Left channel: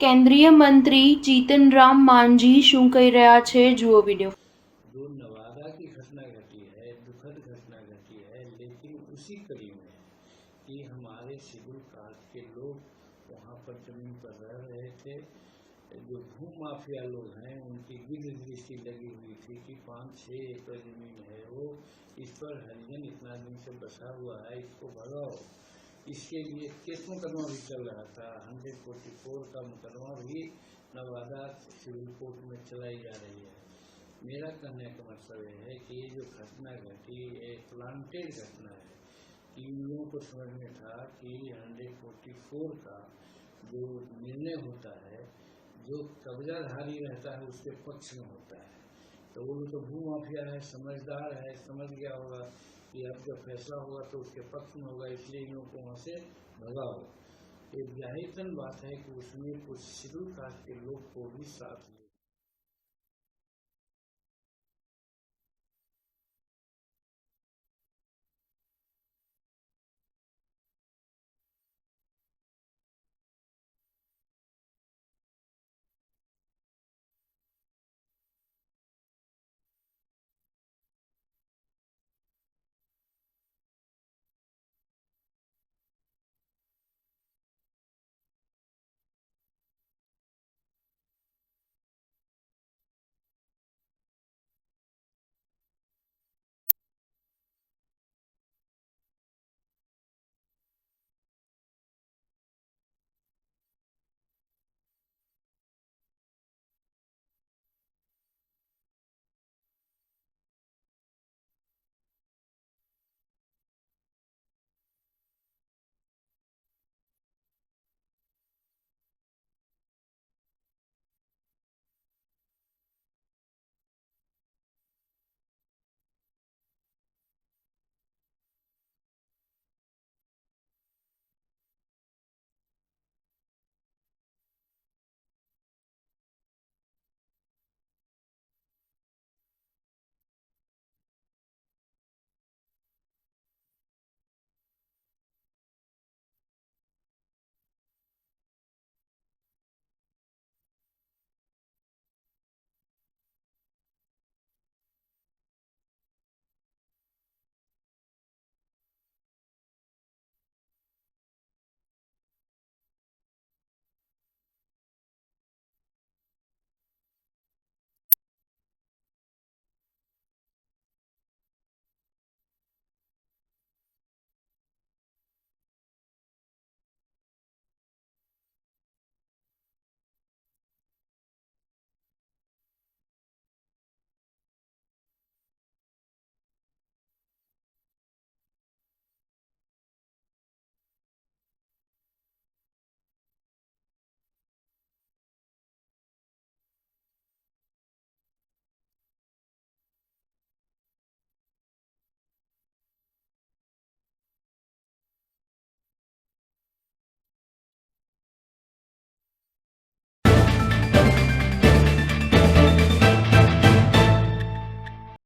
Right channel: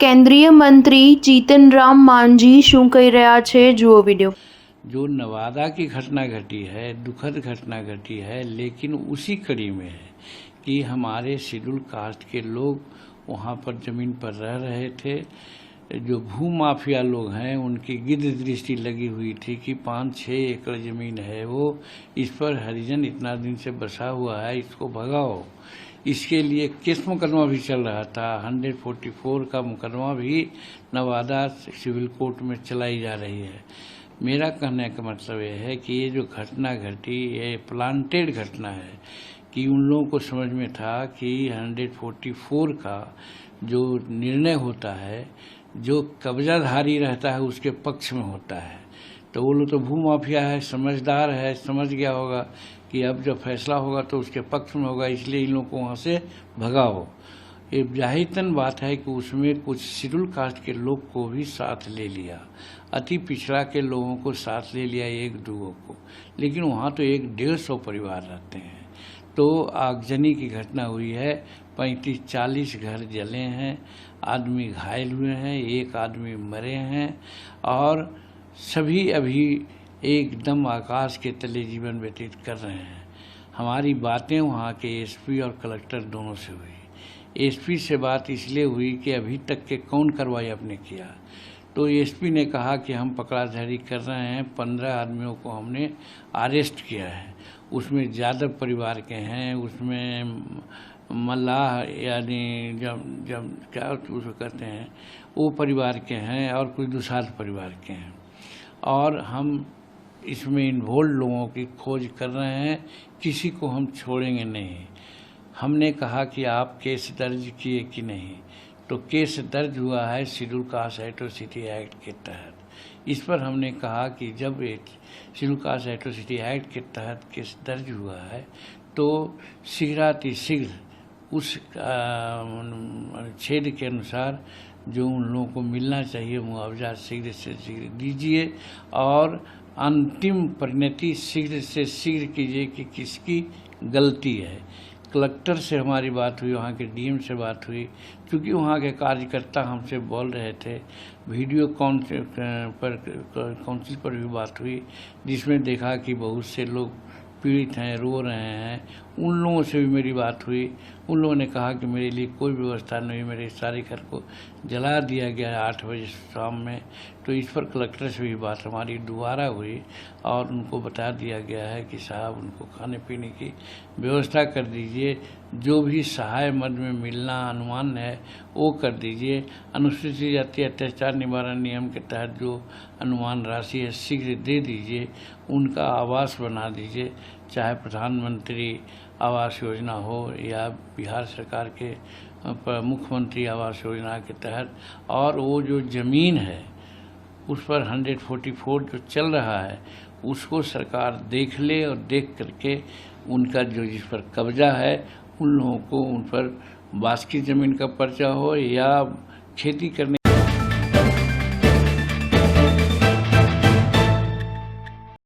કેન્દ્રીય મંત્રી જીતનરામ માંઝી શું કહી રહ્યા છે જુઓ વિડીયો। जो नवादा की घटना घटी है, दुखद घटना घटी है, लेकिन उसी कड़ी में है कि हमारे शेड्यूल कास्ट के लोग वहाँ पर ज़मीन पर रह रहे थे। जो भू माफिया लोग हैं उनकी गिद्ध दृष्टि लगी हुई थी कि 5-6 एकड़ ज़मीन है वो, इस पर हरिजन इतना दिन से बसा हुआ है, इसको भगाओ। इसके लिए केस मुकदमा भी चल रहा था। 144 का मुकदमा भी नवादा सिविल कोर्ट में चलाई जा रही है। मेरा कहने का मतलब ये है कि ये जो घटना घटी ये प्लांटेड घटना है कि उन लोगों को समझ में था कि 144 का जो निर्णय होता है, जो कब्जाधारी रहता है उसके पक्ष में होता है। तो वो लोग तो भू माफिया है, समझदार है, समझ गया होगा कि अब जब फैसला होगा तो उसके पक्ष में होगा, इसलिए इन लोगों को वहाँ से भगाओ। ये जाहिरतन बात है कि उसमें कुछ शेड्यूल कास्ट के लोग को भी साथ ले लिया, अति पिछड़ा के लोगों को साथ ले लिया, 1-2 को। लेकिन वहाँ तो 100-150 परिवार रहते हैं। तो आगजनी की घटना हुई है, 35-40 घर जले हैं, आदमी घायल हुए हैं, 1 आदमी मरे हैं और सभी अभी एकदम आकाश के तले जीवन व्यतीत कर रहे हैं। हमारी बातें वहाँ के एसपी और कलेक्टर दोनों से हुई। एसपी से बात इसलिए हुई कि अभी तक के कौन कार्रवाई आपने किया। तो एसपी ने कहा कि हम पकड़ाधारी कर रहे हैं, 15 आदमियों को हमने अरेस्ट किया है। उसमें यादव परिवार के हैं, उसमें मल्लाह यानी जब क्या उसको कहते हैं वो परिवार के हैं और कुछ दुसाध परिवार के हैं। और हम इसमें इन्वॉल्व लोगों की खोज कर रहे हैं, किसी को हम छोड़ेंगे नहीं। हमने कहा कि आप केस दर्ज किए कि नहीं, तो केस दर्ज हुआ है शेड्यूल कास्ट एट्रोसिटी एक्ट के तहत। इस पर हमने कहा कि जब शेड्यूल कास्ट एट्रोसिटी एक्ट के तहत केस दर्ज हुआ है तो शीघ्रातिशीघ्र उस छेद के अनुसार जो उन लोगों को मिलना चाहिए मुआवजा शीघ्र से शीघ्र दीजिए और अंतिम परिणति शीघ्र से शीघ्र कीजिए कि किसकी गलती है। कलेक्टर से हमारी बात हुई, वहाँ के डीएम से बात हुई, क्योंकि वहाँ के कार्यकर्ता हमसे बोल रहे थे। वीडियो काउंसिल पर भी बात हुई जिसमें देखा कि बहुत से लोग पीड़ित हैं, रो रहे हैं। उन लोगों से भी मेरी बात हुई। उन लोगों ने कहा कि मेरे लिए कोई व्यवस्था नहीं, मेरे सारे घर को जला दिया गया है 8 बजे शाम में। तो इस पर कलेक्टर से भी बात हमारी दोबारा हुई और उनको बता दिया गया है कि साहब उनको खाने पीने की व्यवस्था कर दीजिए, जो भी सहाय मद में मिलना अनुमान है वो कर दीजिए। अनुसूचित जाति अत्याचार निवारण नियम के तहत जो अनुमान राशि है शीघ्र दे दीजिए, उनका आवास बना दीजिए, चाहे प्रधानमंत्री आवास योजना हो या बिहार सरकार के मुख्यमंत्री आवास योजना के तहत। और वो जो ज़मीन है उस पर 144 जो चल रहा है उसको सरकार देख ले और देख करके उनका जो जिस पर कब्जा है उन लोगों को उन पर बास की ज़मीन का पर्चा हो या खेती करने